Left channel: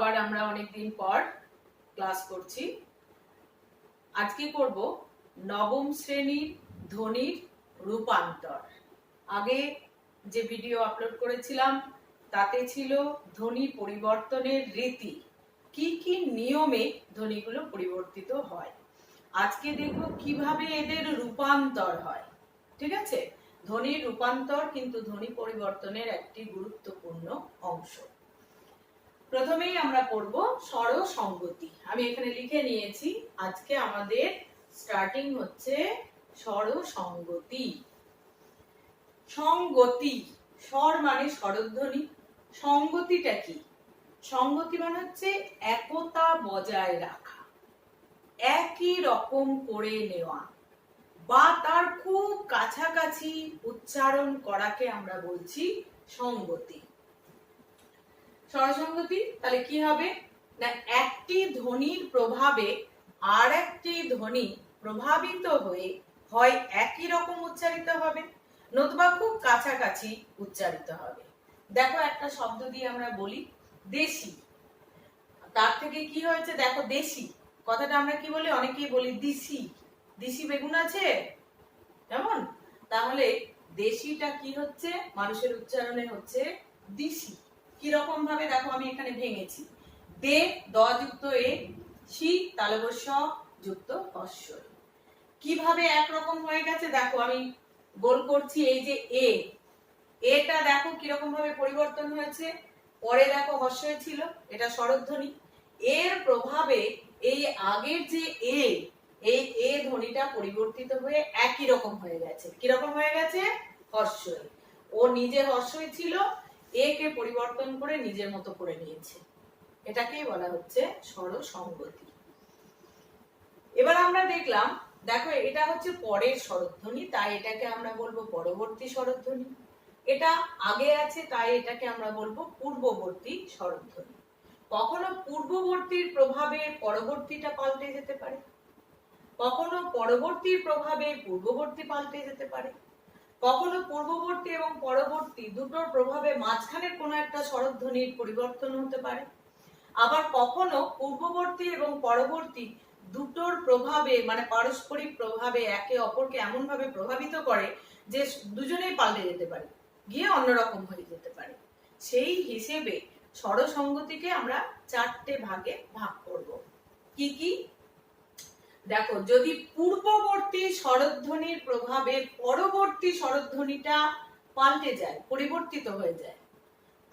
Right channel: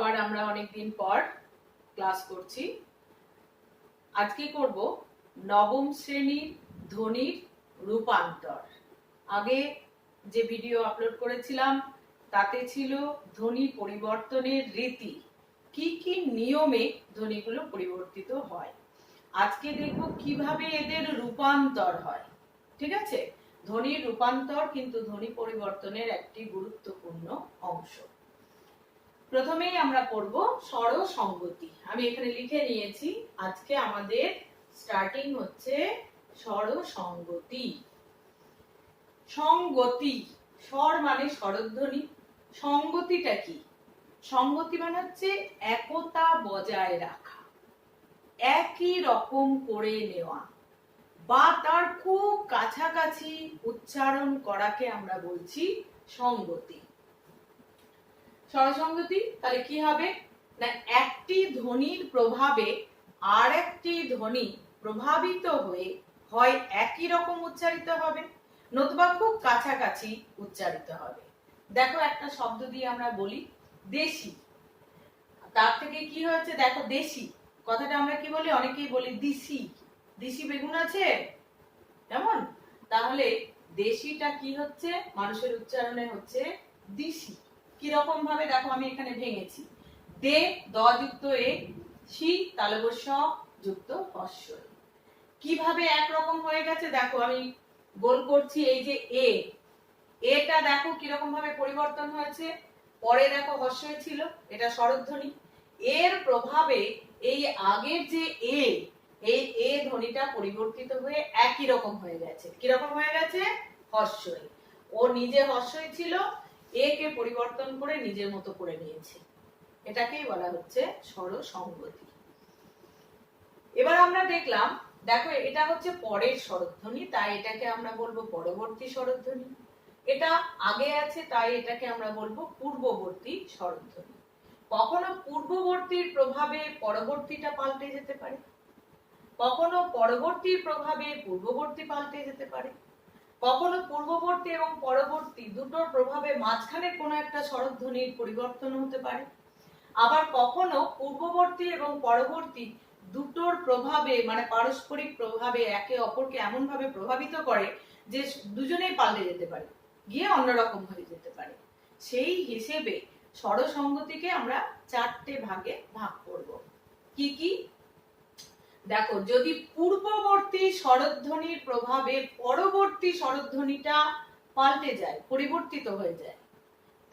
আবার আমরা অনেকদিন পর ক্লাস করছি। আজকে করব নবম শ্রেণীর ধ্বনির রূপান্তর। আগে যে ভিডিও আপলোড করেছিলাম তাতে ছিল ধ্বনি পরিবর্তনের রীতি, কি কি নিয়মে ধ্বনিগুলো পরিবর্তিত হয়। আজকে দেখব কিভাবে এদের রূপান্তর হয়। ঠিক আছে, ধ্বনির রূপান্তর কিন্তু ধ্বনি পরিবর্তনের একটি গুরুত্বপূর্ণ অংশ। প্রথমেই আমরা পড়ব স্বর সংগতি। আমি এখানে লিখে নিয়েছি, আজকে আমাদের স্টার্টিং হচ্ছে স্বর সংগতি। সংগতি, স্বর মানে স্বরধ্বনি, সংগতিটা কি? সংগতি মানে হচ্ছে একতা বজায় রাখা, একই রকম করে নেওয়া বা তার খুব কাছাকাছি উচ্চারণ করাকে আমরা বলছি সংগতি। স্বরসংগতি তাহলে কি হবে না, একটি ধ্বনির প্রভাবে আর একটি ধ্বনি প্রভাবিত হয়ে হয় একই রকম উচ্চারিত হবে, নতুবা খুব কাছাকাছি উচ্চারিত হবে। দেখো একটা শব্দ দিয়ে আমরা বলি দেশি, তার থেকে কি হয়েছে দেখো দেশি কথাটা আমরা কি বলি, অনেকেই বলি দিশি। দিশি বেগুন আছে যেমন, তাহলে দেশিটা কি হচ্ছে মানুষের উচ্চারণে হচ্ছে দিশি। কিরকম ভাবে দেখো, আমি এখানে ভেঙেছি, দে দ যুক্ত এ, শি তালব্য যুক্ত হস্য। কিভাবে একরকম হয়ে গেছে দেখো, আমি গোল করছি, এই যে এ, এটা দেখো কিরকম ভাবে পরিবর্তন হয়েছে। পরে দেখো হস্য ছিল, এটা স্বরধ্বনি, এর প্রভাবে এই আগের যে এ, এই এ ধ্বনিটা পরিবর্তিত হয়ে একই রকম হয়ে গেছে। কিরকম হয়ে গেছে? হস্যই। ও নিজে হস্যই ছিল, এ কে পরিবর্তন করে নিজের মতো করে নিয়েছে, এটাকেই বলা হচ্ছে স্বর সংগতি। এবার আমরা দেখলাম, দেখো এটা হচ্ছে পরের স্বরধ্বনি, তাই এটাকে আমরা বলবো পরবর্তী স্বরধ্বনি। এটা আগে আছে তাই এটাকে আমরা বলবো পূর্ববর্তী স্বরধ্বনি। কখনো পূর্ববর্তীর প্রভাবে পরবর্তীটা পাল্টে যেতে পারে, কখনো পরবর্তীর প্রভাবে পূর্ববর্তী পাল্টে যেতে পারে, কখনো পূর্ববর্তী এবং পরবর্তী দুটোর প্রভাবে মাঝখানে কোনো একটা স্বরধ্বনির পরিবর্তন হতে পারে। আবার কখনো পূর্ববর্তী এবং পরবর্তী দুটোর প্রভাবে মানে পারস্পরিক প্রভাবে একে অপরকে এমন ভাবে প্রভাবিত করে যে দুজনেই পাল্টে যেতে পারে, গিয়ে অন্যরকম হয়ে যেতে পারে। সেই হিসেবে স্বরসংগতিকে আমরা চারটে ভাগে ভাগ করব। কি কি দেখো, যদি পূর্ববর্তী স্বরধ্বনির প্রভাবে পরবর্তী স্বরধ্বনিটা পাল্টে যায়, পরিবর্তিত হয়ে যায়,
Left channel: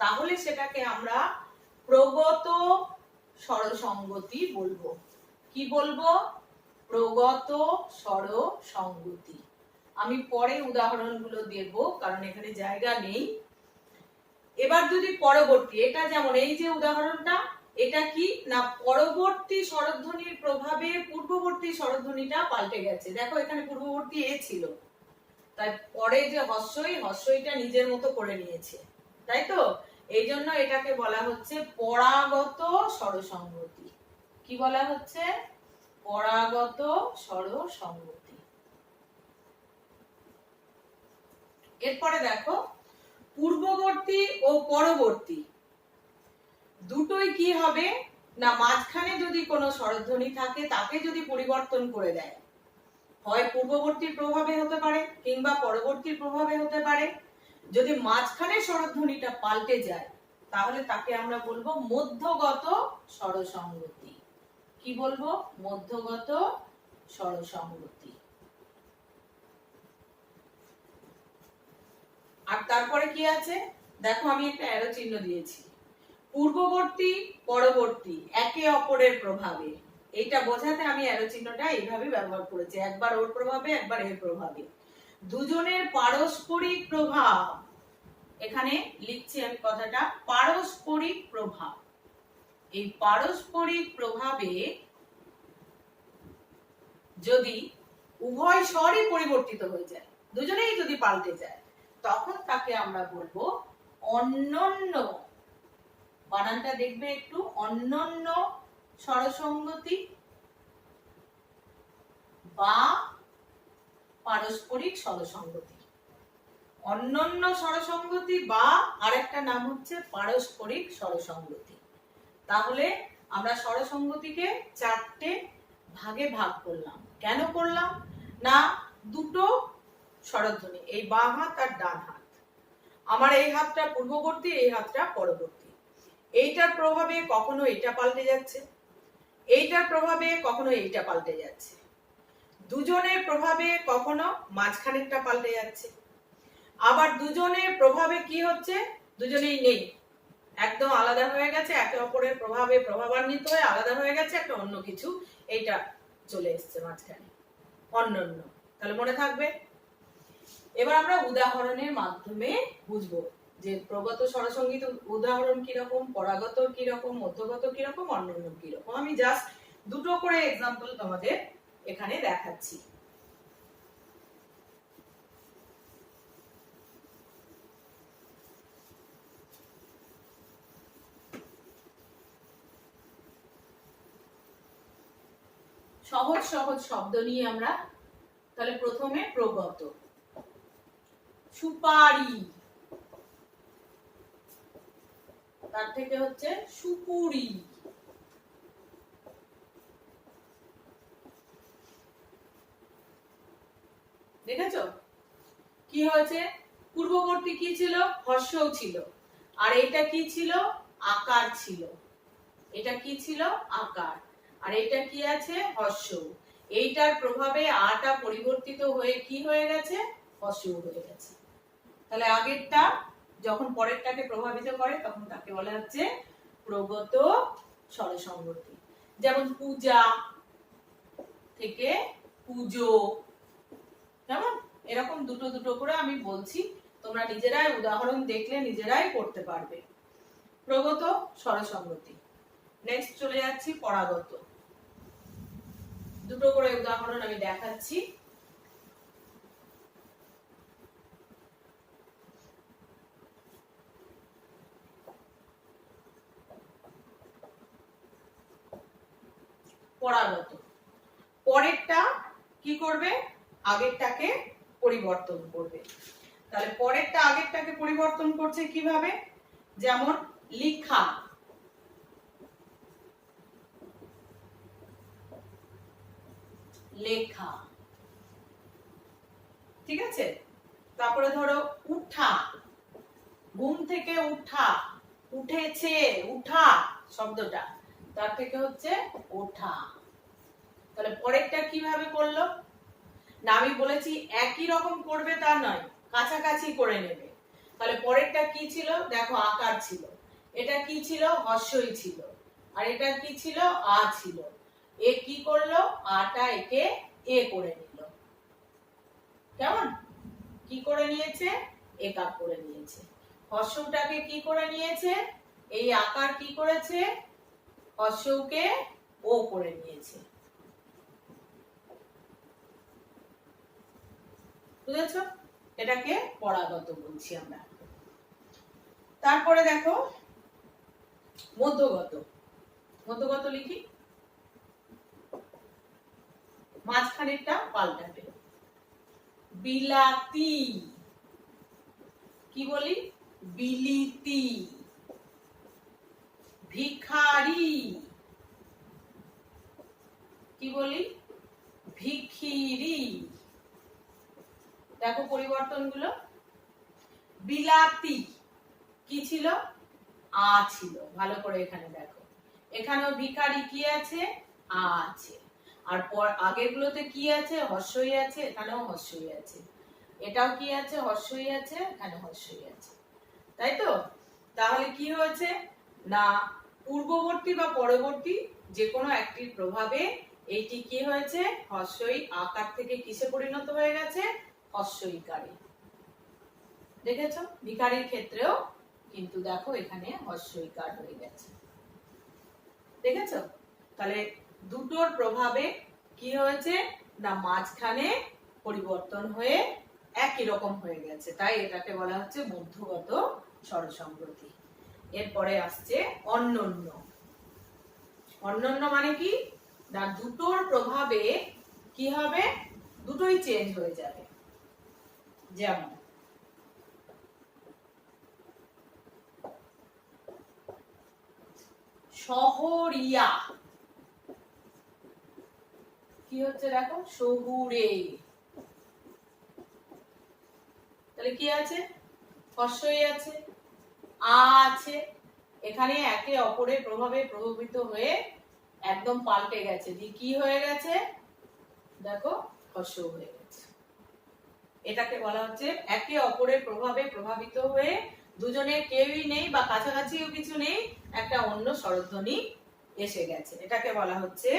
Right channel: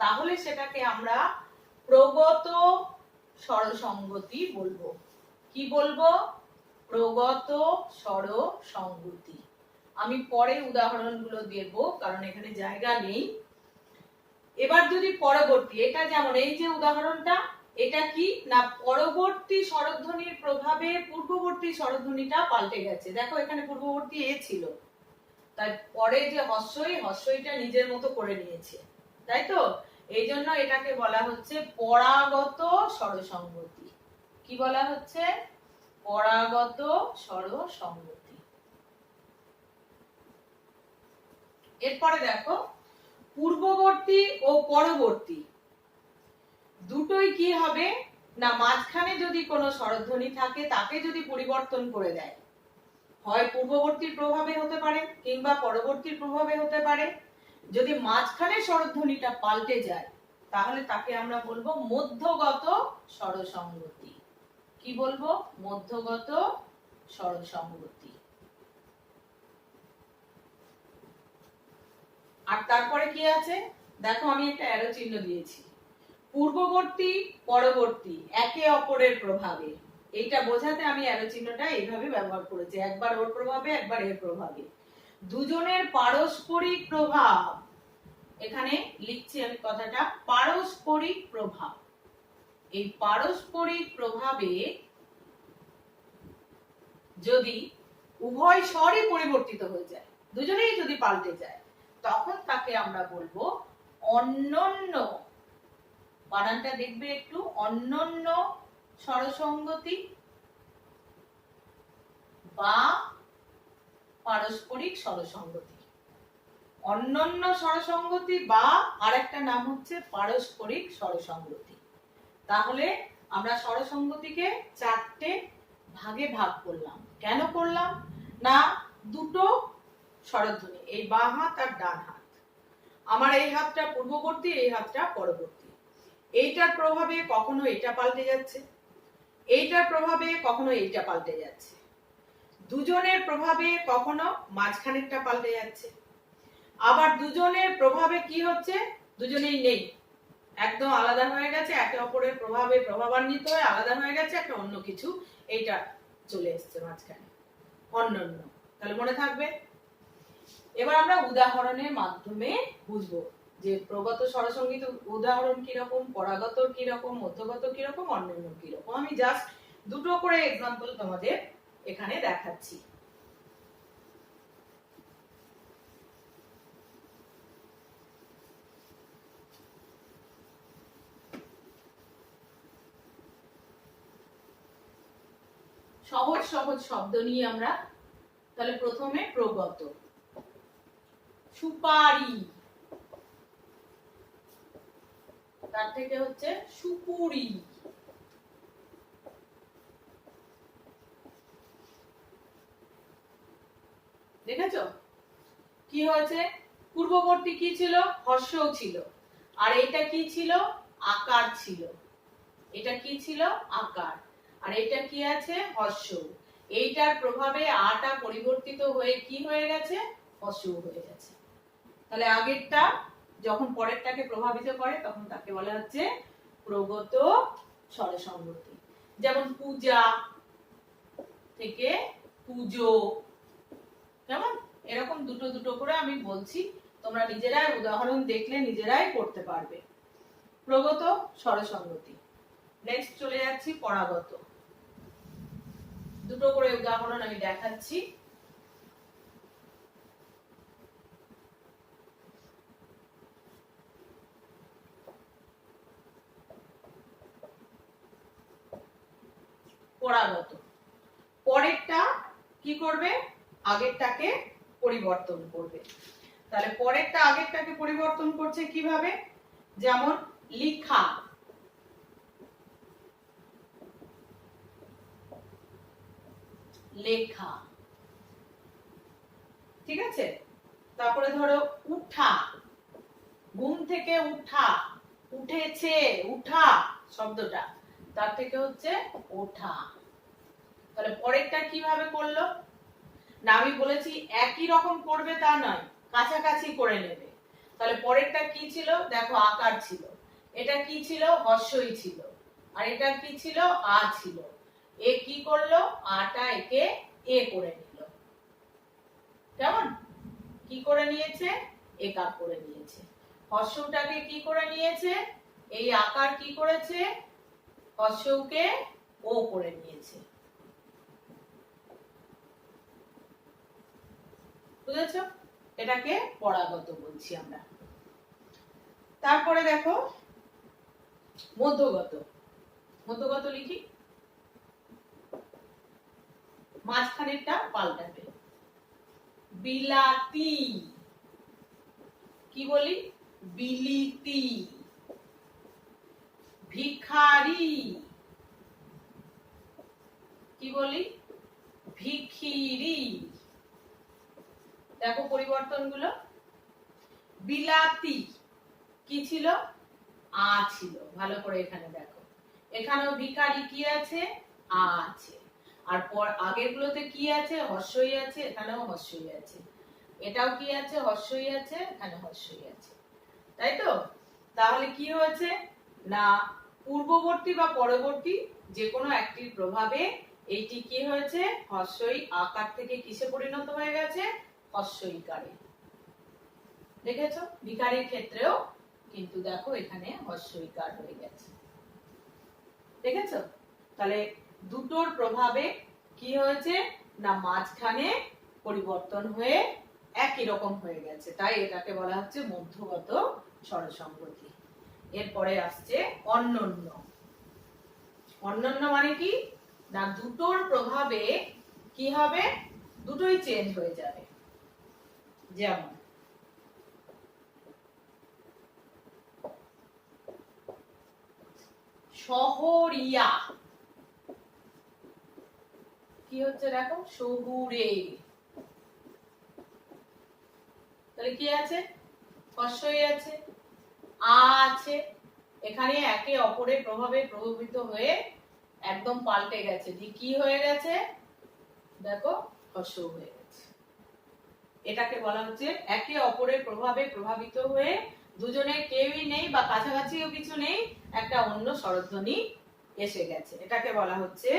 তাহলে সেটাকে আমরা প্রগত স্বরসংগতি বলবো। কি বলবো? প্রগত স্বরসংগতি। আমি পরে উদাহরণগুলো দেব কারণ এখানে জায়গা নেই। এবার যদি পরবর্তী, এটা যেমন এই যে উদাহরণটা, এটা কি না পরবর্তী স্বরধ্বনির প্রভাবে পূর্ববর্তী স্বরধ্বনিটা পাল্টে গেছে। দেখো এখানে পূর্ববর্তী এ ছিল, তাই পরে যে হস্যইটা নিজের মতো করে নিয়েছে, তাই তো? এই জন্য এটাকে বলা হচ্ছে পরাগত স্বরসংগতি। কি বলা হচ্ছে? পরাগত স্বরসংগতি। এরপরে দেখো, পূর্ববর্তী ও পরবর্তী দুটোই কি হবে না, মাঝখানে যদি কোনো স্বরধ্বনি থাকে তাকে যদি পরিবর্তন করে দেয়, হয় পূর্ববর্তীর প্রভাবে হতে পারে কিংবা পরবর্তীর প্রভাবে হতে পারে, যদি মাঝখানে স্বরধ্বনিটা পাল্টে যায় তাহলে তাকে আমরা বলবো মধ্যগত স্বরসংগতি। কি বলবো? মধ্যগত স্বরসংগতি। আর তারপরে কি আছে দেখো, আমি একটা অ্যারো চিহ্ন দিয়েছি, পূর্ববর্তী পরবর্তী একে অপরের প্রভাবে, এইটা বোঝাতে আমি অ্যারো চিহ্নটা এইভাবে ব্যবহার করেছি, একবার ওর প্রভাবে একবার এর প্রভাবে, দুজনের পারস্পরিক প্রভাব। এখানে লিখছি আমি কথাটা পারস্পরিক প্রভাব। এই পারস্পরিক প্রভাবে যদি উভয় স্বরই পরিবর্তিত হয়ে যায়, দুজনেই যদি পাল্টে যায়, তখন তাকে আমরা বলবো অন্যন্য, বানানটা দেখবে একটু, অন্যন্য স্বরসংগতি বা পারস্পরিক স্বরসংগতি। অন্যন্য স্বরসংগতি বা আরেকটা নাম হচ্ছে পারস্পরিক স্বরসংগতি। তাহলে আমরা স্বরসঙ্গতিকে 4টে ভাগে ভাগ করলাম। কেন করলাম? না, দুটো স্বরধ্বনি, এই বাম হাত আর ডান হাত, আমার এই হাতটা পূর্ববর্তী, এই হাতটা পরবর্তী, এইটার প্রভাবে কখনো এটা পাল্টে যাচ্ছে, এইটার প্রভাবে কখনো এইটা পাল্টে যাচ্ছে, দুজনের প্রভাবে কখনো মাঝখানেরটা পাল্টে যাচ্ছে, আবার দুজনের প্রভাবে কি হচ্ছে, দুজনেই নেই, একদম আলাদা হয়ে গেছে, একে অপরের প্রভাবে প্রভাবান্বিত হয়ে আলাদা হয়ে গেছে, একটা অন্য কিছু এইটা চলে এসছে মাঝখানে, অন্যান্য। তাহলে মনে থাকবে। এবার আমরা উদাহরণের মাধ্যমে বুঝবো যে প্রগত স্বরসঙ্গীত উদাহরণ কিরকম, পরাগত কিরকম, মধ্যগত কিরকম, অন্যান্য কিরকম। আমি জাস্ট দুটো করে এক্সাম্পল তোমাদের এখানে দেখাচ্ছি। সহজ সহজ শব্দ নিয়ে আমরা তাহলে প্রথমে প্রগত। সুপারি, তার থেকে হচ্ছে সুপুরি, দেখেছো কি হয়েছে? পূর্ববর্তী কি ছিল? হর্ষও ছিল, আর এটা কি ছিল? আকার ছিল। এটা কি ছিল? আকার। আর এটা কি আছে? হর্ষ। এইটার প্রভাবে আটা পরিবর্তিত হয়ে কি হয়ে গেছে? হর্ষ হয়ে গেছে। তাহলে আগেরটা যখন পরেরটাকে প্রভাবিত করে তখন তাকে বলা হচ্ছে প্রগত স্বরসঙ্গতি। যেমন পূজা থেকে পুজো, কেমন? এরকম দুটো দুটো করে আমি বলছি, তোমরা নিজেরাই উদাহরণ দেখলে নিজেরাই করতে পারবে। প্রগত স্বরসঙ্গতি। নেক্সট চলে যাচ্ছি পরাগত। দুটো করে উদাহরণ আমি দেখাচ্ছি। পরাগত, পরেরটা কি করবে? আগেরটাকে পরিবর্তন করবে। তাহলে পরেরটা আগেরটাকে পরিবর্তন করছে কিভাবে? যেমন লিখা, লেখা, ঠিক আছে? তারপরে ধরো উঠা, ঘুম থেকে উঠা, উঠেছে, উঠা শব্দটা, তার থেকে হচ্ছে ওঠা। তাহলে পরেরটা কিভাবে করলো? না, আমি বলেছি একই রকম করবে তা নয়, কাছাকাছি করে নেবে। তাহলে পরেরটা কি ছিল? দেখো আকার ছিল, এটা কি ছিল? হর্ষই ছিল, আর এটা কি ছিল? আ ছিল। এ কি করলো? আটা একে এ করে নিল। কেমন? কি করে নিয়েছে? একার করে নিয়েছে। হর্ষটাকে কি করে নিয়েছে? এই আকার কি করেছে? হর্ষকে ও করে নিয়েছে। বুঝেছো? এটাকে পরাগত বলছি আমরা। তারপরে দেখো মধ্যগত। মধ্যগত লিখি, মাঝখানেরটা পাল্টাবে। বিলাতি, কি বলি? বিলিতি। ভিখারি, কি বলি? ভিখিরি। দেখো পরিবর্তনগুলো। বিলাতি কি ছিল? আ ছিল, ভালো করে এখানে দেখো। এখানেও ভিখারি কি আছে? আ আছে। আর আগের গুলোতে কি আছে? হর্ষই আছে, এখানেও হর্ষই আছে। এটাও কি আছে? হর্ষই আছে, এখানে হর্ষই আছে। তাই তো? তাহলে কি হয়েছে? না, পূর্ববর্তী বা পরবর্তী যে কোনো একটির প্রভাবে এইটি কি হয়েছে? হর্ষই আকার থেকে কিসে পরিণত হয়ে গেছে? হর্ষইকারে। দেখেছো? ভিখারির ক্ষেত্রেও কিন্তু দেখো এখানে হর্ষইকার হয়ে গেছে। দেখেছো? তাহলে দুটোর প্রভাবে কি হয়েছে? না, মাঝখানে পরিবর্তন হয়ে একই রকম হয়ে গেছে, তাই এটাকে বলা হচ্ছে মধ্যগত স্বরসঙ্গতি। এরপরে আসছে অন্যান্য। অন্যান্য মানে কি? না, দুটোর প্রভাবে কি হবে? দুটোই চেঞ্জ হয়ে যাবে। যেমন শহরিয়া, কি হচ্ছে দেখো, শহুরে। তাহলে কি আছে, হর্ষই আছে, আছে। এখানে একে অপরের প্রভাবে প্রভাবিত হয়ে একদম পাল্টে গেছে, কি হয়ে গেছে দেখো, হর্ষ হয়ে গেছে। এটাকে বলা হচ্ছে একে অপরের প্রভাবে প্রভাবিত হয়ে দুজনে কেউই নেই বা কাছাকাছিও কিছু নেই, একটা অন্য স্বরধ্বনি এসে গেছে, এটাকে বলা হচ্ছে।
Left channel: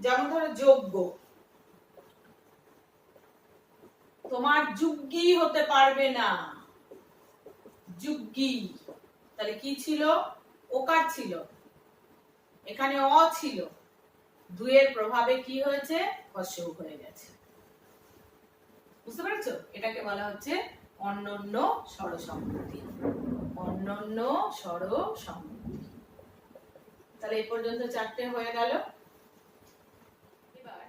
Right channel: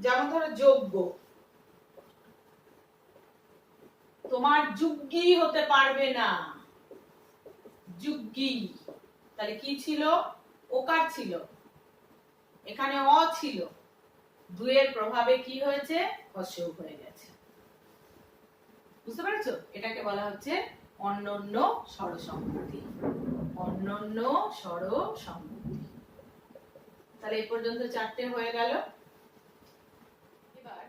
যেমন ধরো যোগ্য, তোমার যুগ্গী হতে পারবে না, যুগ্গী। তাহলে কি ছিল, ওকার ছিল, এখানে অ ছিল, দুয়ের প্রভাবে কি হয়েছে, হর্ষ হয়ে গেছে। বুঝতে পেরেছো? এটাকে বলা হচ্ছে অন্যন্য স্বর সংহতি, অন্যন্য স্বর সংহতি। তাহলে এই পর্যন্ত চারটে হয়ে গেল। এবার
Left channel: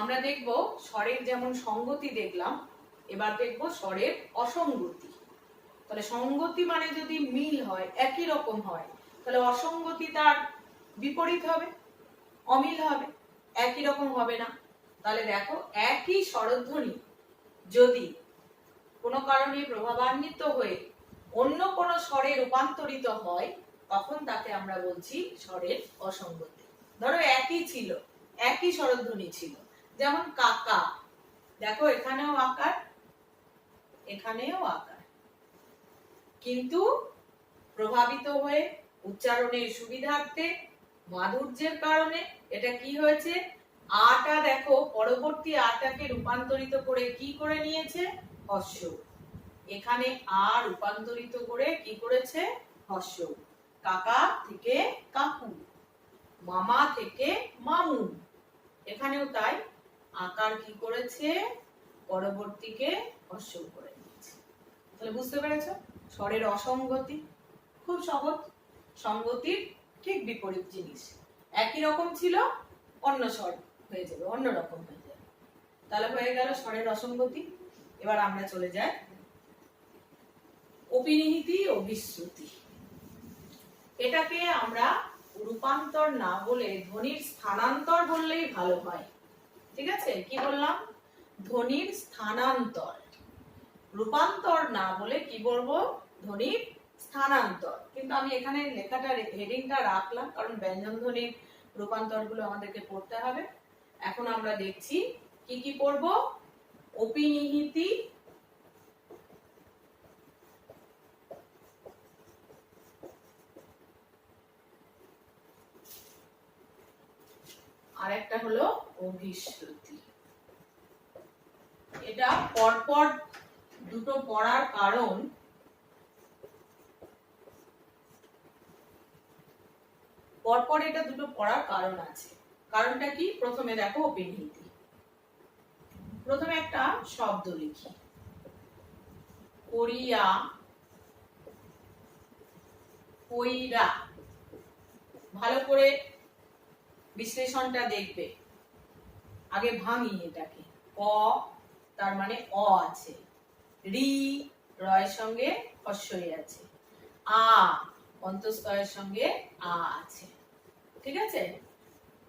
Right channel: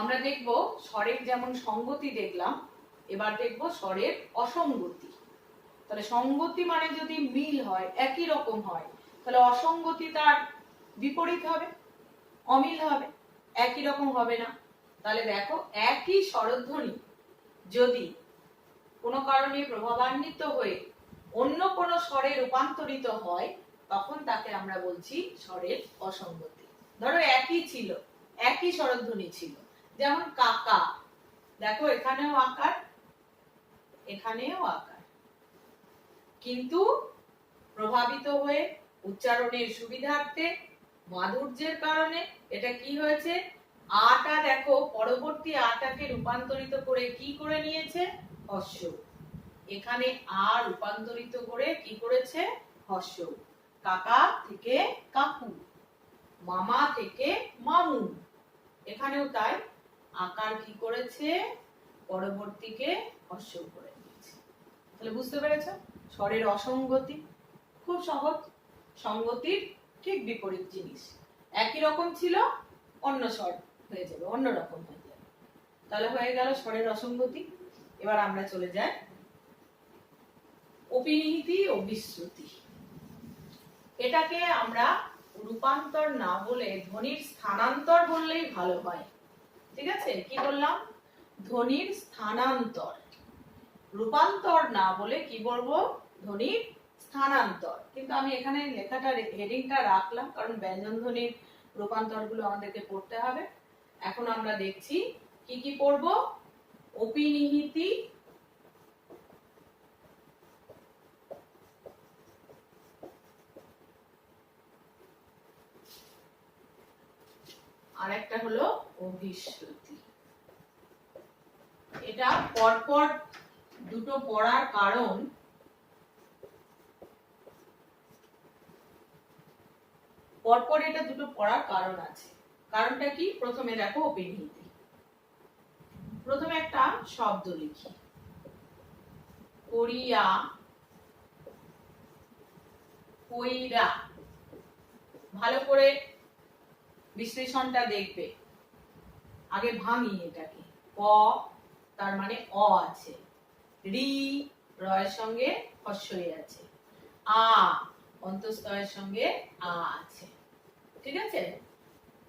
আমরা দেখব স্বরের যেমন সংগতি দেখলাম, এবার দেখব স্বরের অসঙ্গতি। তাহলে সংগতি মানে যদি মিল হয়, একই রকম হয়, তাহলে অসঙ্গতি তার বিপরীত হবে, অমিল হবে, একই রকম হবে না। তাহলে দেখো, একই স্বরধ্বনি যদি কোনো কারণে প্রভাবান্বিত হয়ে অন্য কোনো স্বরে রূপান্তরিত হয়, তখন তাকে আমরা বলছি স্বরের অসঙ্গতি। ধরো একই ছিল, একই স্বরধ্বনি ছিল, যেমন কাকা, দেখো এখানেও আকার, এখানেও আকার, কিন্তু প্রভাবিত হয়ে উচ্চারণের সুবিধার্থে, মাধুর্যের কারণে এটা কি হয়েছে, আটা দেখো পরবর্তী আটাকে রূপান্তরিত করে কি করে নিয়েছে, হর্ষ। এখানে আ রূপান্তরিত করে কি করেছে, হর্ষ। কাকা থেকে কাকু, মামা থেকে মামু, এখানেও তাই, আকার কি করেছে, পরবর্তীকে হর্ষ করে নিয়েছে। তাহলে বুঝতে পেরেছো, স্বরের অসঙ্গতি খুব সহজ, সঙ্গতির ঠিক বিপরীত জিনিস, একই রকম ছিল, অন্য স্বর হয়ে যাবে, অন্য রকম হয়ে যাবে। তাহলে হয়ে গেল স্বরের অসঙ্গতি। এবার আমরা চলে যাই অপিনিহিতি ও বিশ্রুতি। এটাকে আমরা রূপান্তর না বলে ধ্বনির স্থানান্তর বললেই ভালো হয়। ঠিক আছে, কি বললাম, ধ্বনির স্থানান্তর, রূপান্তর না বলে কি বলবো, ধ্বনির স্থানান্তর। কিন্তু আমি এখানে লেখাটা হেডিংটা রাখলাম, কারণ ব্যঞ্জন ধ্বনির রূপান্তর গুলো আমাদেরকে পড়তে হবে। এখন আমরা দেখছি কি কি পড়ব, অপিনিহিতি আর একটা হলো অভিশ্রুতি। এটা পরপর দুটো পড়ার কারণ, পরপর এটা দুটো পড়ার কারণ আছে। কারণটা কি, প্রথমে দেখো অপিনিহিতি। প্রথমে একটা শব্দ লিখি, করিয়া, কইরা। ভালো করে বিশ্লেষণটা দেখবে, আগে ভাঙি এটাকে। ক তার মানে অ আছে, রি রয়ের সঙ্গে হর্ষই আছে, আ অন্তঃস্থয়ের সঙ্গে আ আছে। ঠিক আছে,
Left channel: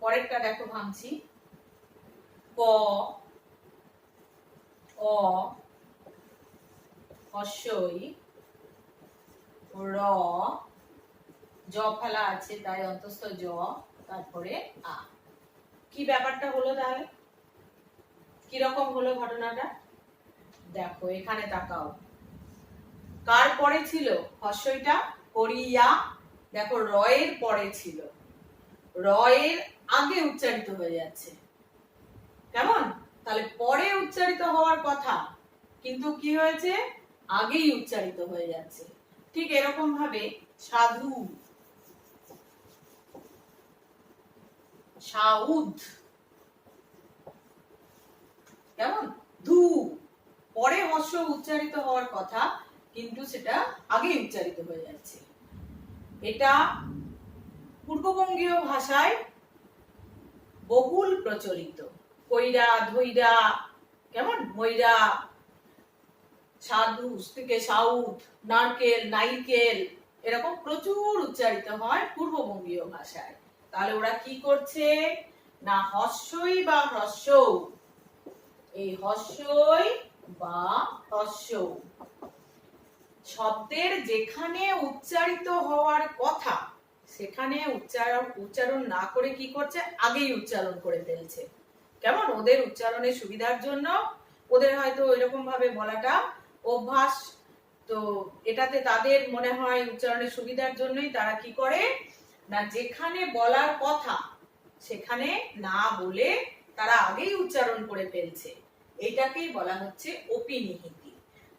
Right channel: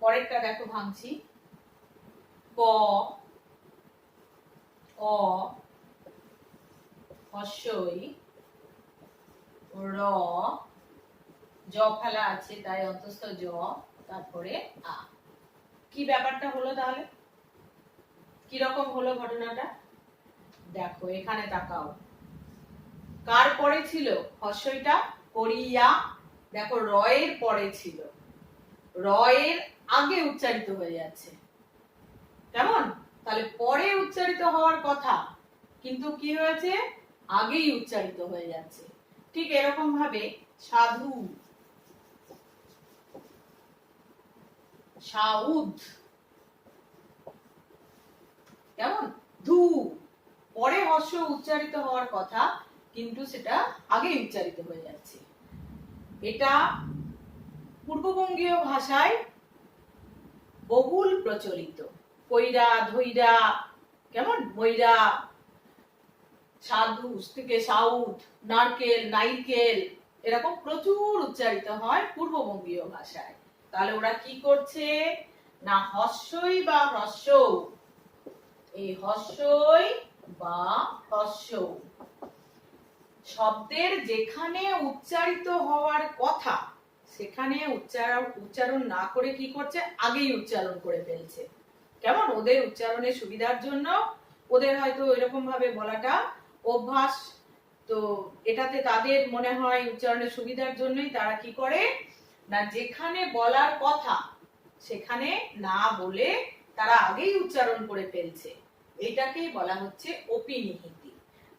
পরেরটা দেখো ভাঙছি, ক, অ হর্ষই, র জ ফেলা আছে তাই অন্তঃস্থ জ, তারপরে আ। কি ব্যাপারটা হলো তাহলে, কিরকম হলো ঘটনাটা দেখো, এখানে তাকাও, কার পরে ছিল হর্ষইটা, করিয়া, দেখো রয়ের পরে ছিল, রয়ের আগে উচ্চারিত হয়ে যাচ্ছে, কেমন, তাহলে পরে উচ্চারিত হওয়ার কথা, কিন্তু কি হয়েছে, আগেই উচ্চারিত হয়ে যাচ্ছে। ঠিক এরকম ভাবে সাধু, সাউদ, কেমন, ধু পরে হর্ষ উচ্চারিত হওয়ার কথা, কিন্তু সেটা আগেই উচ্চারিত হয়ে যাচ্ছে। এটা পূর্ববঙ্গীয় ভাষায় বহুল প্রচলিত, কইরা, ধইরা, কেমন, মইরা, সাধু থেকে সাউথ, নারকেল, নাইকেল, এরকম প্রচুর উচ্চারিত হয় পূর্ববঙ্গীয় ভাষায়। তাহলে ওরা কি করছে না হস্যই বা হ্রস্বৌ, এই হস্যই বা হ্রস্বৌ শব্দের যেখানে উচ্চারিত হওয়ার কথা সেখানে উচ্চারণ না করে কি করছে আগেই উচ্চারণ করে ফেলছে। কেমন ওদের উচ্চারণের সুবিধার জন্য ওদের হয়তো এরকম ভাবে বলাটা অভ্যাস, তো এটাতে তাদের মনে হয় উচ্চারণের সুবিধার জন্যই তারা কি করে না যেখানে বলার কথা সেখানে না বলে তারা আগেই উচ্চারণ করে ফেলছে। এইটাকেই বলা হচ্ছে অপিনিহিতি।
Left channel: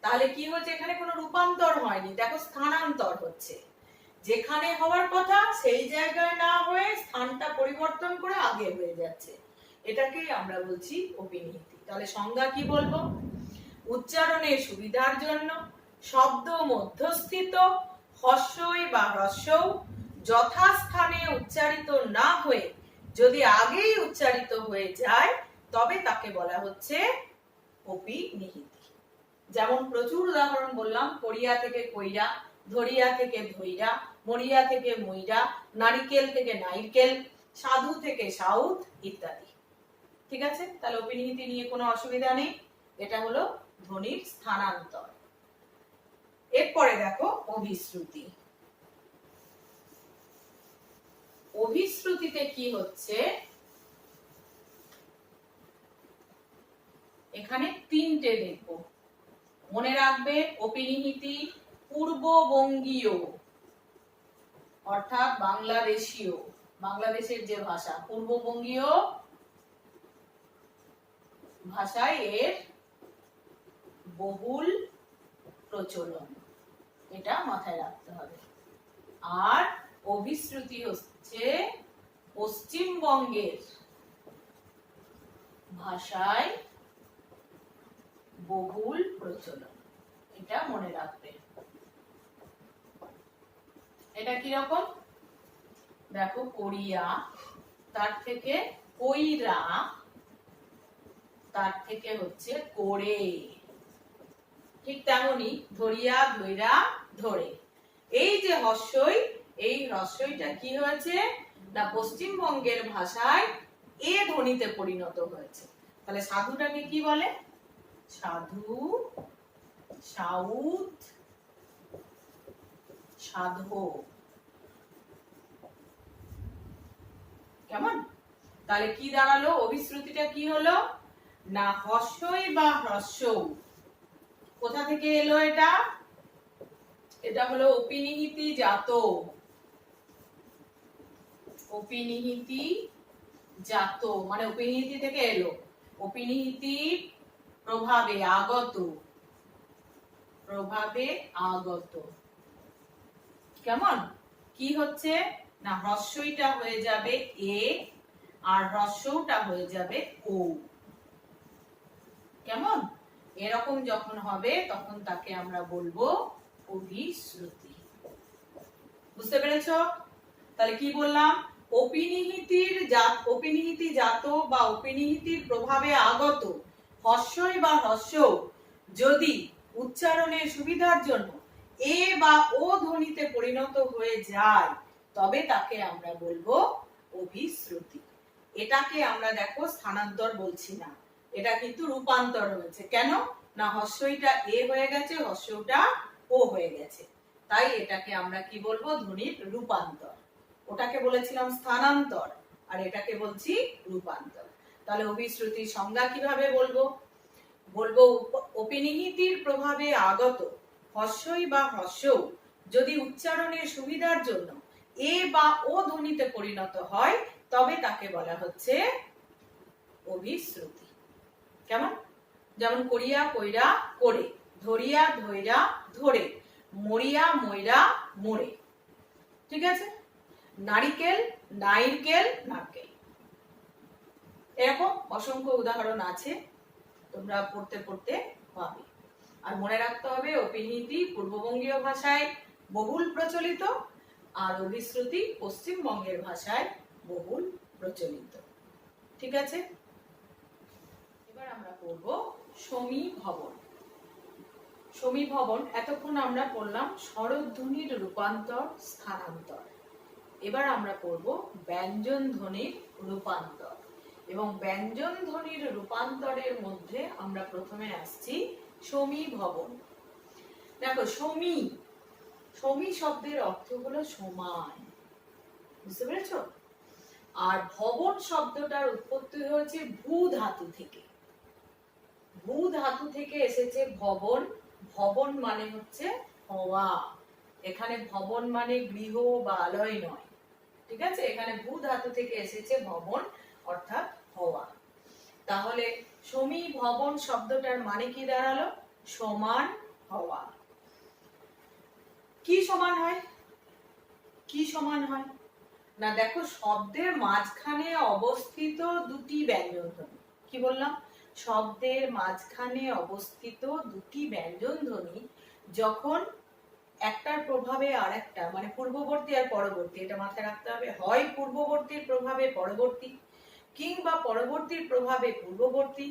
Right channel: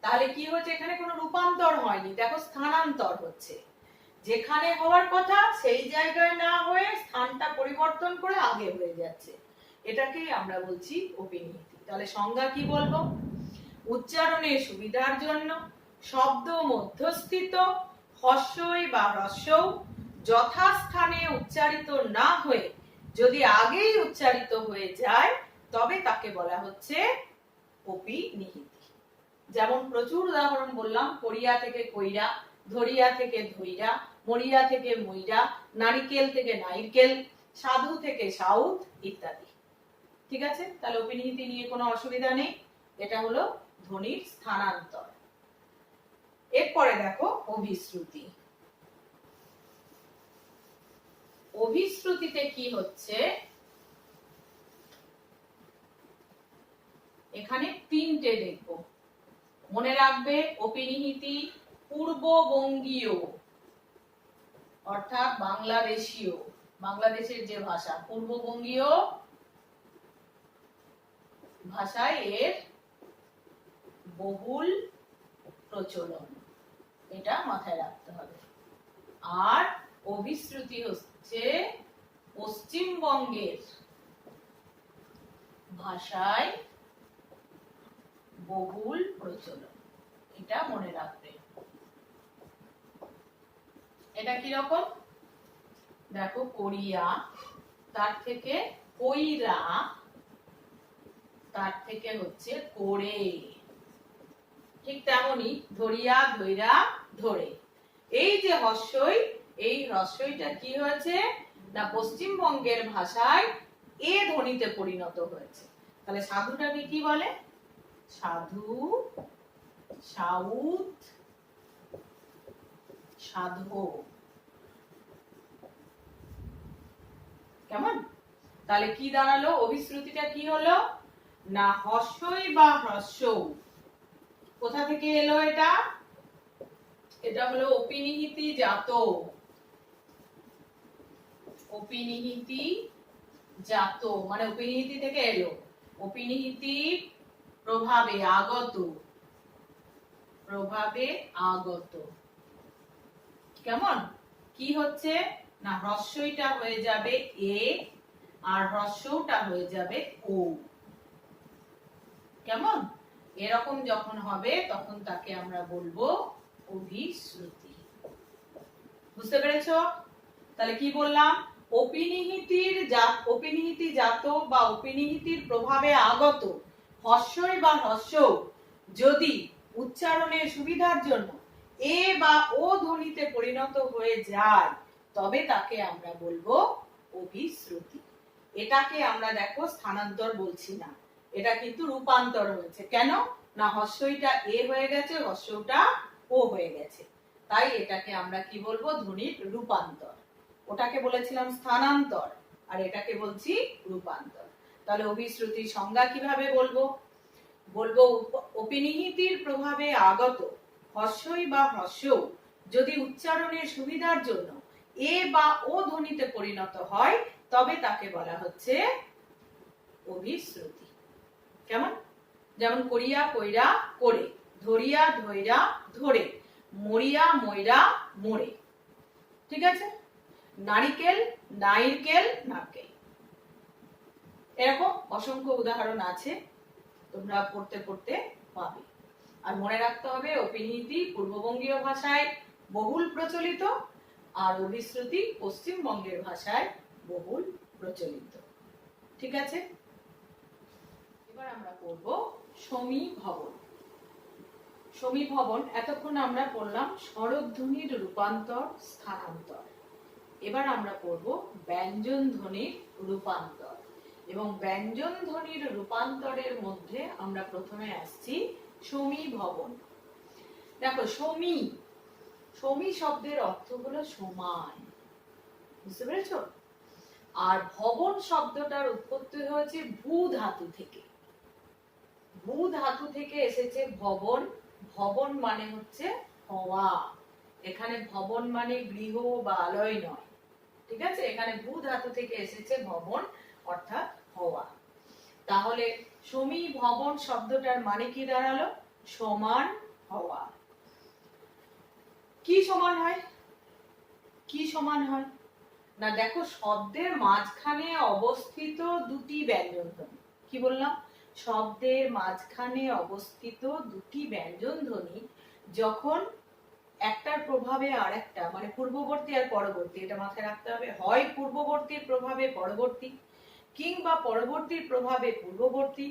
তাহলে কি হচ্ছে এখানে কোনো রূপান্তর হয়নি, দেখো স্থানান্তর হচ্ছে। যেখানে হওয়ার কথা সেই জায়গায় না হয়ে স্থানটা পরিবর্তন করে আগে হয়ে যাচ্ছে, এটাকেই আমরা বলছি অপিনিহিতি। তাহলে সংজ্ঞা কি বলবো, উচ্চারণের সুবিধার জন্য শব্দ মধ্যস্থিত হস্যই বা হ্রস্বৌ যথাস্থানে উচ্চারিত না হয়ে যদি আগেই উচ্চারিত হয়ে যায় তবে তাকে বলা হচ্ছে অপিনিহিতি। যেমন প্রচুর উদাহরণ বললাম, করিয়া থেকে কইরা, ধরিয়া থেকে ধইরা, মরিয়া থেকে মইরা, নারিকেল থেকে নাইরকেল, সাধু থেকে সাউথ ইত্যাদি। ঠিক আছে, তাহলে অপিনিহিতি নিয়ে কোনো অসুবিধা নেই। এটা হলো ধ্বনির স্থানান্তর। এরপরে দেখো অভিশ্রুতি। অভিশ্রুতিতে কি হচ্ছে, এখানে তিনটে দেখবো, মনে রাখবে অপিনিহিতি পূর্ববঙ্গীয় অর্থাৎ বাংলাদেশীয়, বাংলাদেশের যে ভাষা পূর্ববঙ্গীয় ভাষায় এর বহুল প্রচলন, এটা মাথায় রাখতে হবে। আর অভিশ্রুতি হচ্ছে পশ্চিমবঙ্গের ভাষায় বহুল প্রচলন, এটা মনে রাখবে। এটা কি রকম দেখো, করিয়া, তার থেকে কইরা, তার থেকে হচ্ছে করে, ঠিক তেমনি ধরিয়া ধইরা ধরে। এই যে হস্যই, এই হ্রস্বইটা কি হয়েছে না পশ্চিমবঙ্গের ভাষায় এ ধ্বনিতে পরিণত হয়েছে। তাহলে সাধুটাকে কি বলে, সাধু, সাউথ, সাধো। কেমন, তাহলে কি দাঁড়ালো, অভিশ্রুতিটা কি হলো না হস্যই বা হ্রস্বৌ। কোথা থেকে এলো এটা, এটা হলো অপিনিহিতি জাত, অপিনিহিতি জাত মানে অপিনিহিতি থেকে এলো, অপিনিহিতির প্রভাবে আগত, প্রভাবে আগত। কেমন, কি হচ্ছে না হ্রস্বইটা হয়ে যাবে এ আর হ্রস্বটা হয়ে যাবে ও। কেমন, এরকম যখন হবে তখন তাকে আমরা বলবো অভিশ্রুতি। বুঝতে পেরেছো? তাহলে কি বললাম, অপিনিহিতি জাত বা অপিনিহিতির প্রভাবে আগত হস্যই বা হ্রস্বৌ যদি উচ্চারণের সুবিধার জন্য এ বা ও ধ্বনিতে পরিণত হয়ে যায় তবে তাকে আমরা বলবো অভিশ্রুতি। এটাকে আমরা দেখো স্থানান্তর বলছি না, এটা কিন্তু রূপান্তর হয়েছে। কেন না হস্যইটা এ হয়ে গেছে, হস্যটা ও হয়ে গেছে, তাই এটাকে আমরা কি বলবো ধ্বনির রূপান্তর। ওটাকে বলেছিলাম স্থানান্তর আর এটাকে বলছি রূপান্তর। তাহলে অভিশ্রুতির সংজ্ঞা কিভাবে বলবো, বলবো অপিনিহিতির প্রভাবে আগত হস্যই বা হ্রস্বৌ যদি উচ্চারণের সুবিধার জন্য এ বা ও ধ্বনিতে পরিণত হয় তবে তাকে বলা হচ্ছে অভিশ্রুতি। কেমন, যেমন করিয়া কইরা করে, ধরিয়া ধইরা ধরে, মরিয়া মইরা মোরে। ঠিক আছে, নারিকেল নাইরকেল নারকেল। এরকম অসংখ্য উদাহরণ আছে, তোমরা পড়তে পড়তে পাবে। আর মনে রাখতে হবে অপিনিহিতি পূর্ববঙ্গীয় ভাষায় বহুল প্রচলিত আর অভিশ্রুতি পশ্চিমবঙ্গের ভাষায় বহুল প্রচলিত। ঠিক আছে, এবার আমরা পড়ব সমীভবন। সমীভবন। এতক্ষণ আমরা পড়লাম স্বরধ্বনির রূপান্তর, স্থানান্তর। এবার আমরা পড়ব ব্যঞ্জন ধ্বনির রূপান্তর। এবং ব্যঞ্জন ধ্বনির রূপান্তরের মধ্যে আমরা প্রথমে আসছি সমীভবন। দেখো, সমী সমী শব্দের অর্থ হলো সমান, বুঝতে পেরেছ? আর ভবন শব্দটার উৎপত্তি হয়েছে ভূ ধাতু থেকে। ভূ ধাতু থেকে এসেছে ভবন। ভবন মানে হচ্ছে হওয়া। এখানে ভবন মানে গৃহ বা আলয় নয়, ঠিক আছে? এখানে ভূ ধাতু থেকে এসেছে ভবন, অর্থাৎ হওয়া। তাহলে সমী ভবন শব্দটার মানে কি দাঁড়ালো? সমান হওয়া। কি সমান হয়? কি সমান হয় না, দেখো, শব্দের মাঝখানে অবস্থিত দুটি ব্যঞ্জন ধ্বনি। কি বললাম? শব্দের মাঝখানে অবস্থিত দুটি ব্যঞ্জন ধ্বনি যখন একটার প্রভাবে আর একটা, মানে পূর্ববর্তী আর পরবর্তী, এটা মাথায় রাখতে হবে। হয় পূর্ববর্তীর প্রভাবে পরবর্তী, কিংবা পরবর্তীর প্রভাবে পূর্ববর্তী,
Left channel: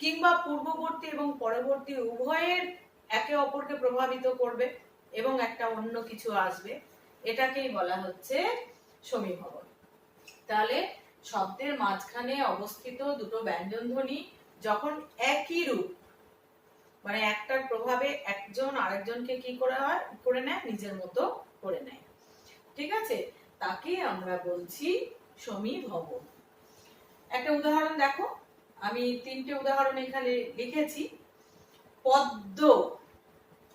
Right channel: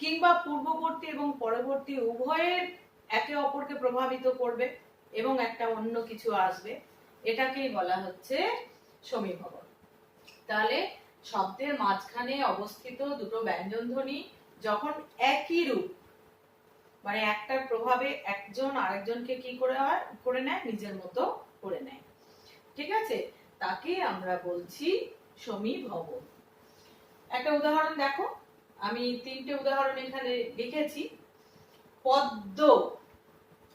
কিংবা পূর্ববর্তী এবং পরবর্তী উভয়ের একে অপরকে প্রভাবিত করবে এবং একটা অন্য কিছু আসবে, এটাকেই বলা হচ্ছে সমীভবন। তাহলে শব্দের মাঝখানে অবস্থিত দুটো ব্যঞ্জন ধ্বনি যখন একই রূপ, মানে একটার প্রভাবে একজন আরেকজনকে কি করে নেয়, নিজের মতো করে নেয়, ঠিক আছে? তাকে আমরা বলছি সমীভবন। একটা উদাহরণ দেখো, আমি 3টে উদাহরণ এখানে লিখেছি। পদ্ম,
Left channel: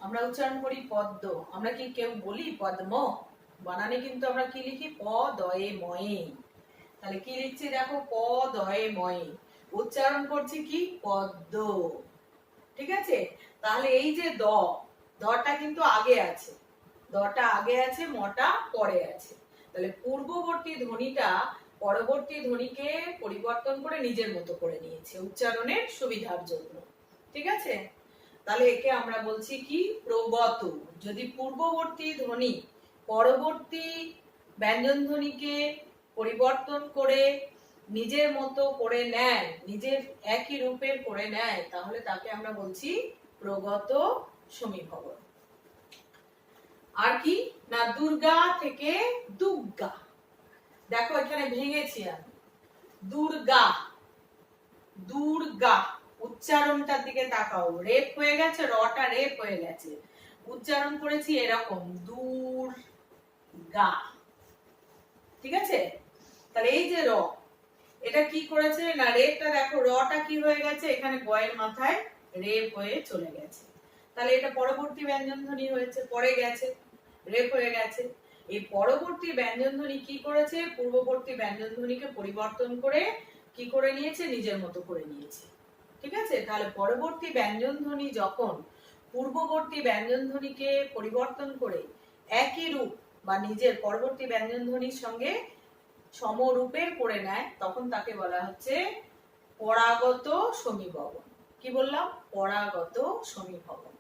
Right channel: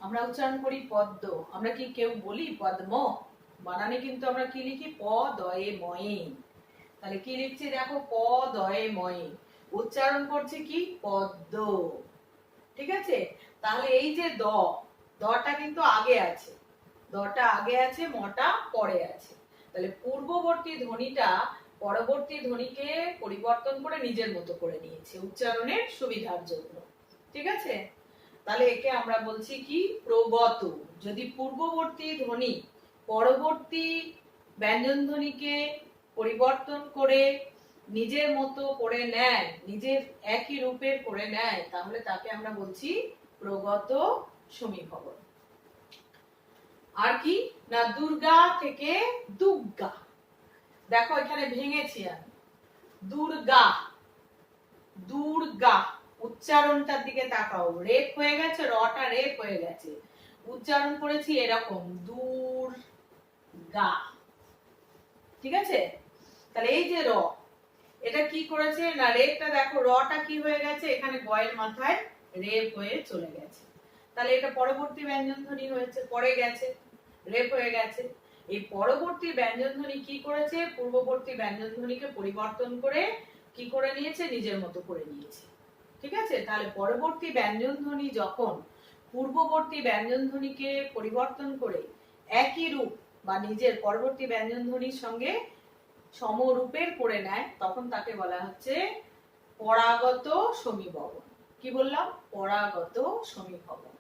আমরা উচ্চারণ করি পদ্ম। আমরা কি কেউ বলি পদ্ম? বানানে কিন্তু আমরা কি লিখি? প দয়ে ময়ে। তাহলে কি লিখছি দেখো, প দয়ে ময়ে। উচ্চারণ করছি কি? পদ্ম, ঠিক আছে? তাহলে এই যে দটা কিন্তু আগে আছে, দটা আগে আছে, মটা পরে আছে। তাহলে পূর্ববর্তী ধ্বনিটা পরবর্তী ধ্বনিকে পরিবর্তন করে নিজের মতো করে নিয়েছে উচ্চারণের সুবিধার জন্য, ঠিক আছে? তাহলে একে আমরা বলছি কি? প্রগত। যদি পূর্ববর্তী ধ্বনি পরবর্তী ব্যঞ্জন ধ্বনিকে পরিবর্তন করে নিজের মতো করে নেয়, নিজের একই রূপের করে নেয়, তাহলে তাকে আমরা বলছি প্রগত সমীভবন। আর কি না, দুর্গা থেকে দুর্গা। দেখো, এখানে ভেঙেছি আমি। দুর্গা, দুর্গা, উচ্চারণটার দিকে তাকাও। রেপ হয়ে গেছে, রটা রেপ হয়ে গেছে। উচ্চারণ করেছি এরকম, দুর্গা, ঠিক আছে? তাহলে এই যে র, এটা কি করেছে না, রেপটা দেখো, রটা কি হয়ে গেছে, এখানে গয়ের মাথায় রেপ হয়ে চলে গেছে। তাহলে এটা পরবর্তী ব্যঞ্জন ধ্বনি হয়েছে, পরে গেছে, রেপ হয়ে গেছে। এই পরবর্তী ব্যঞ্জন ধ্বনি কি করেছে? পূর্ববর্তী ব্যঞ্জন ধ্বনিকে পরিবর্তন করে কি করে নিয়েছে? নিজের মতো করে নিয়েছে, ঠিক আছে? তাহলে পরবর্তী ব্যঞ্জন ধ্বনি যখন পূর্ববর্তী ব্যঞ্জন ধ্বনিকে পরিবর্তন করে একই রূপ বা নিজের পরবর্তী ব্যঞ্জন ধ্বনির সঙ্গে সমরূপের করে নেয়, তখন তাকে বলা হচ্ছে পরাগত সমীভবন। কি বললাম? পরাগত সমীভবন।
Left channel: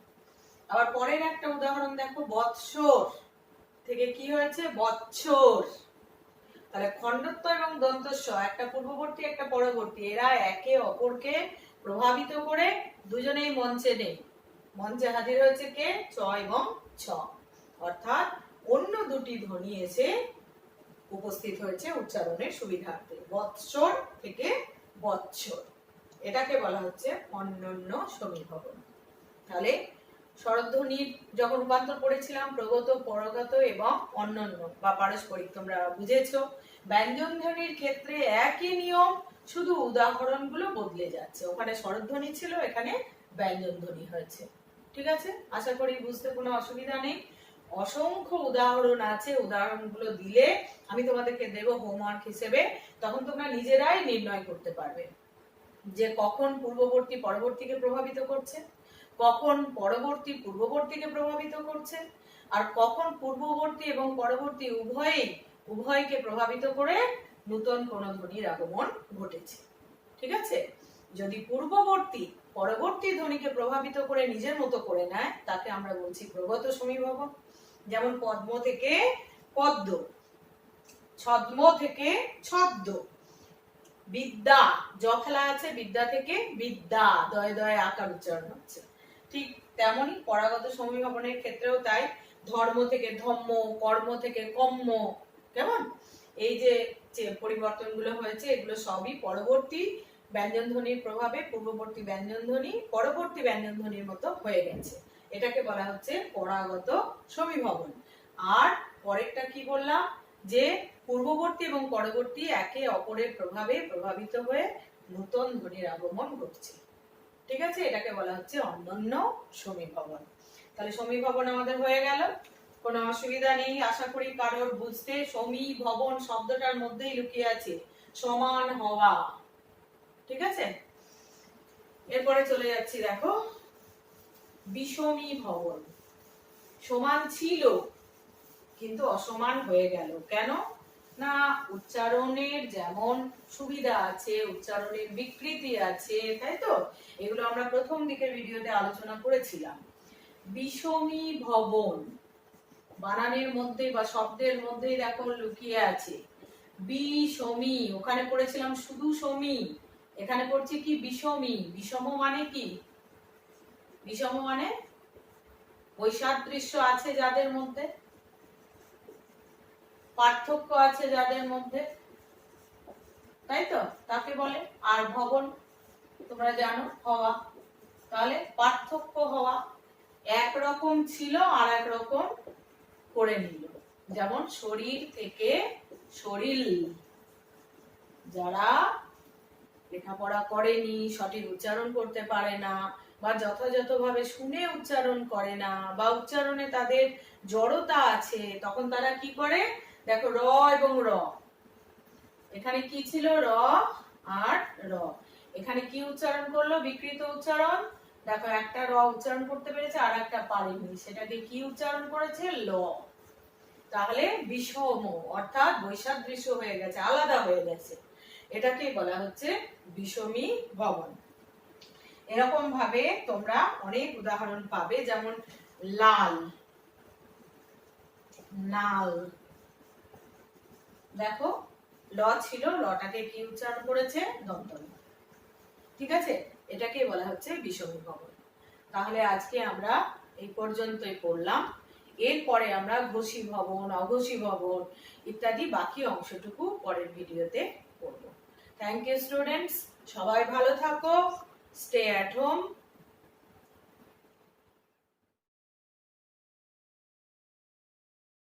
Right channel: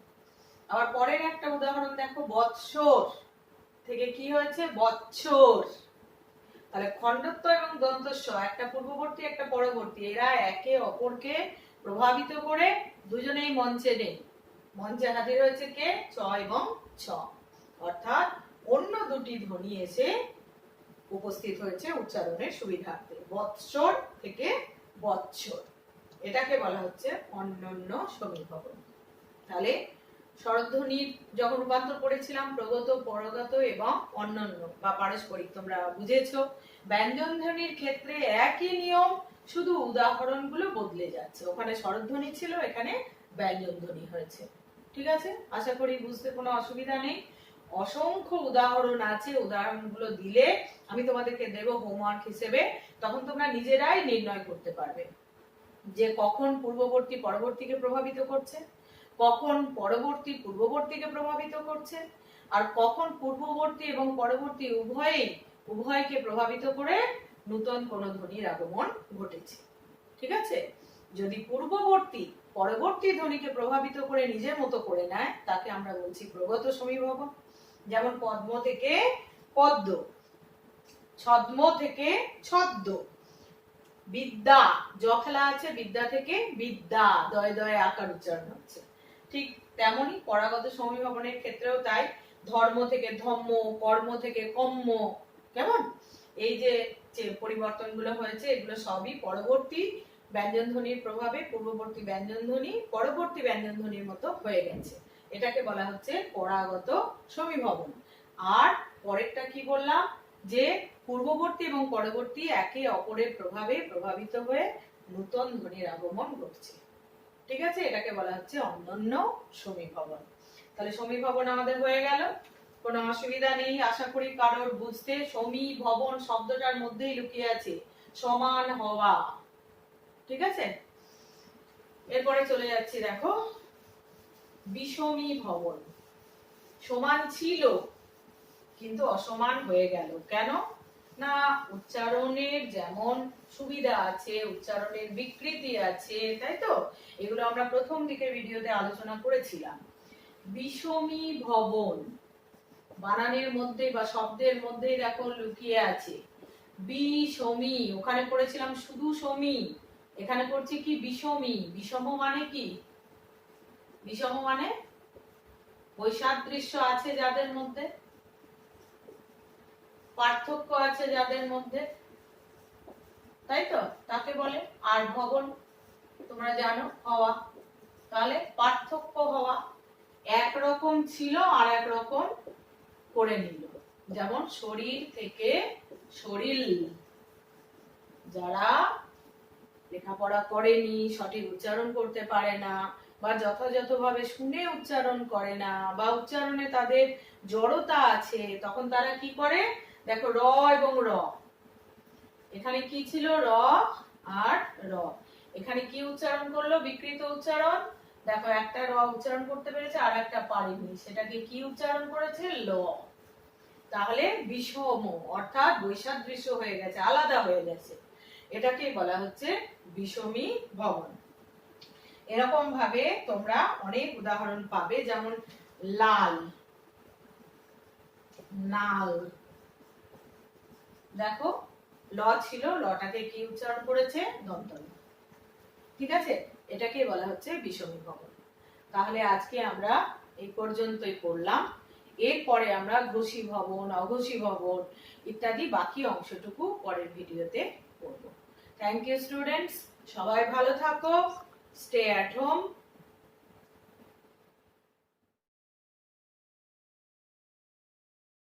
আবার পরের একটা উদাহরণ দেখো, বৎসর থেকে কি হয়েছে? বৎসর। তাহলে খণ্ডত্ব এবং দন্তস্ব, একটা পূর্ববর্তী একটা পরবর্তী, এরা একে অপরকে প্রভাবিত করে দুজনেই মঞ্চে নেই। মঞ্চে হাজির হয়েছে কে? চ এবং ছ, অর্থাৎ অন্য দুটি ধ্বনি এসে উপস্থিত হয়েছে উচ্চারণের সুবিধার্থে। বৎসর থেকে বৎসর, এটাকে বলা হচ্ছে অন্যান্য সমীভবন। তাহলে স্বরধ্বনির যখন রূপান্তর করেছিলাম প্রগত, পরগত এবং অন্যান্য বা পারস্পরিক, তোমরা বুঝেছো। ব্যঞ্জন ধ্বনির ক্ষেত্রে একই নিয়ম, শুধু উদাহরণগুলো বদলে যাচ্ছে। ওখানে স্বরধ্বনি ছিল, এখানে ব্যঞ্জন ধ্বনি হয়েছে, ঠিক আছে? আশা করি বুঝতে কোনো অসুবিধা নেই। অসংখ্য উদাহরণ আছে, উদাহরণগুলো দিলে আমি তোমাদেরকে দেব হোমওয়ার্ক হিসেবে, তখন তোমরা নিজেরাই নির্ণয় করতে পারবে যে কখন পূর্ববর্তী পরবর্তীকে প্রভাবিত করছে, কখন পরবর্তী পূর্ববর্তীকে প্রভাবিত করছে, আর কখন পূর্ববর্তী এবং পরবর্তী উভয়কে প্রভাবিত করে নতুন কোন ধ্বনির আগমন ঘটেছে, ঠিক আছে? যদি পূর্ববর্তী পরবর্তী ধ্বনিকে প্রভাবিত করে নিজের মতো করে নেয়, তাকে আমরা বলছি প্রগত সমীভবন। যেমন পদ্ম থেকে পদ্ম, ছদ্ম থেকে ছদ্ম, বিদ্যা, জ ফেলা আছে, বিদ্যা থেকে বিদ্যা, দয়ে দয়ে আকার উচ্চারণ হচ্ছে। ঠিক তেমনি পরাগত সমীভবনের ক্ষেত্রেও তাই, ধর্ম থেকে ধম্ম, কর্ম থেকে কম্ম, কেমন এই যে পরিবর্তনগুলো হয়েছে এগুলো সবই পরবর্তী ব্যঞ্জন ধ্বনির প্রভাবে পূর্ববর্তী ব্যঞ্জন ধ্বনি পরবর্তী ব্যঞ্জন ধ্বনির মতো হয়ে গেছে। এটাকে বলা হচ্ছে পরাগত সমীভবন। আর পরেরটা কি বললাম, যে পূর্ববর্তী এবং পরবর্তী একে অপরের প্রভাবে প্রভাবিত হয়ে নূতন ধ্বনির আগমন ঘটছে। ঠিক আছে, এটাকে বলা হচ্ছে অন্যান্য সমীভবন। তাহলে সমীভবন আমাদের হয়ে গেল, কোনো অসুবিধা নেই আশা করি কারোর বুঝতে। সমীভবন শব্দটার মধ্যেই লুকিয়ে আছে সমান হওয়া। ঠিক আছে, এরপরে চলে যাচ্ছি, দেখো বিষমীভবন। সমান ছিল কিন্তু অসমান হয়ে গেল, কেন না উচ্চারণের যেমন সুবিধা আছে, উচ্চারণের বিকৃতি আছে, তাই তো এগুলো আমরা প্রথম দিকের ভিডিওতে আলোচনা করেছিলাম। বিষমীভবন বানানের মধ্যে বা শব্দের মধ্যে দেখো লুকিয়ে আছে বিষমী, ওখানে পড়েছিলাম শুধু সমী, এখানে পড়ছি কি বিষমী। বিষম মানে কি? বিষম মানে বৈসাদৃশ্য আছে যাদের মধ্যে, পার্থক্য আছে যাদের মধ্যে, তাই তো তাকে বলে। আর ভবন তোমরা জানো হওয়া, তাহলে পার্থক্য হওয়া, একরকম ছিল আর এক রকম করে নিল। যেমন শরীর থেকে শরীর, যারা লেখাপড়া করেনি, সঠিক উচ্চারণ করতে পারে না, বা যথাযথভাবে শুনে উচ্চারণ করে না, বা উচ্চারণে তাদের জড়তা আছে, তখন তারা কি করে, দেখো র এবং র, এখানে কি ছিল র আর র, এখানে কি উচ্চারণ করলো, বিকৃত উচ্চারণ। দেখো একটা র উচ্চারণ করতে পেরেছে আর একটা পারেনি, সেটাকে কি উচ্চারণ করেছে, ল। তাহলে বিষম অর্থাৎ বৈসাদৃশ্য হয়ে গেছে, আলাদা হয়ে গেছে, এটাকে বলা হচ্ছে বিষমী ভবন। এরকম ভাবে তোমরা অনেক উদাহরণ পাবে, যেমন লাল, নাল। দেখো ল ছিল, লটাকে কি উচ্চারণ করেছে, দন্ত। ঠিক আছে, এটাকে বলা হচ্ছে বিষমী ভবন। তাহলে আজকে আমরা এই পর্যন্তই পড়লাম, এরপরে আমরা ঘোষী ভবন, অঘোষী ভবন ইত্যাদি বাকি অংশটুকু পরের ভিডিওতে পড়ব। থ্যাংক ইউ স্টুডেন্টস, সবাই ভালো থাকো, স্টে অ্যাট হোম।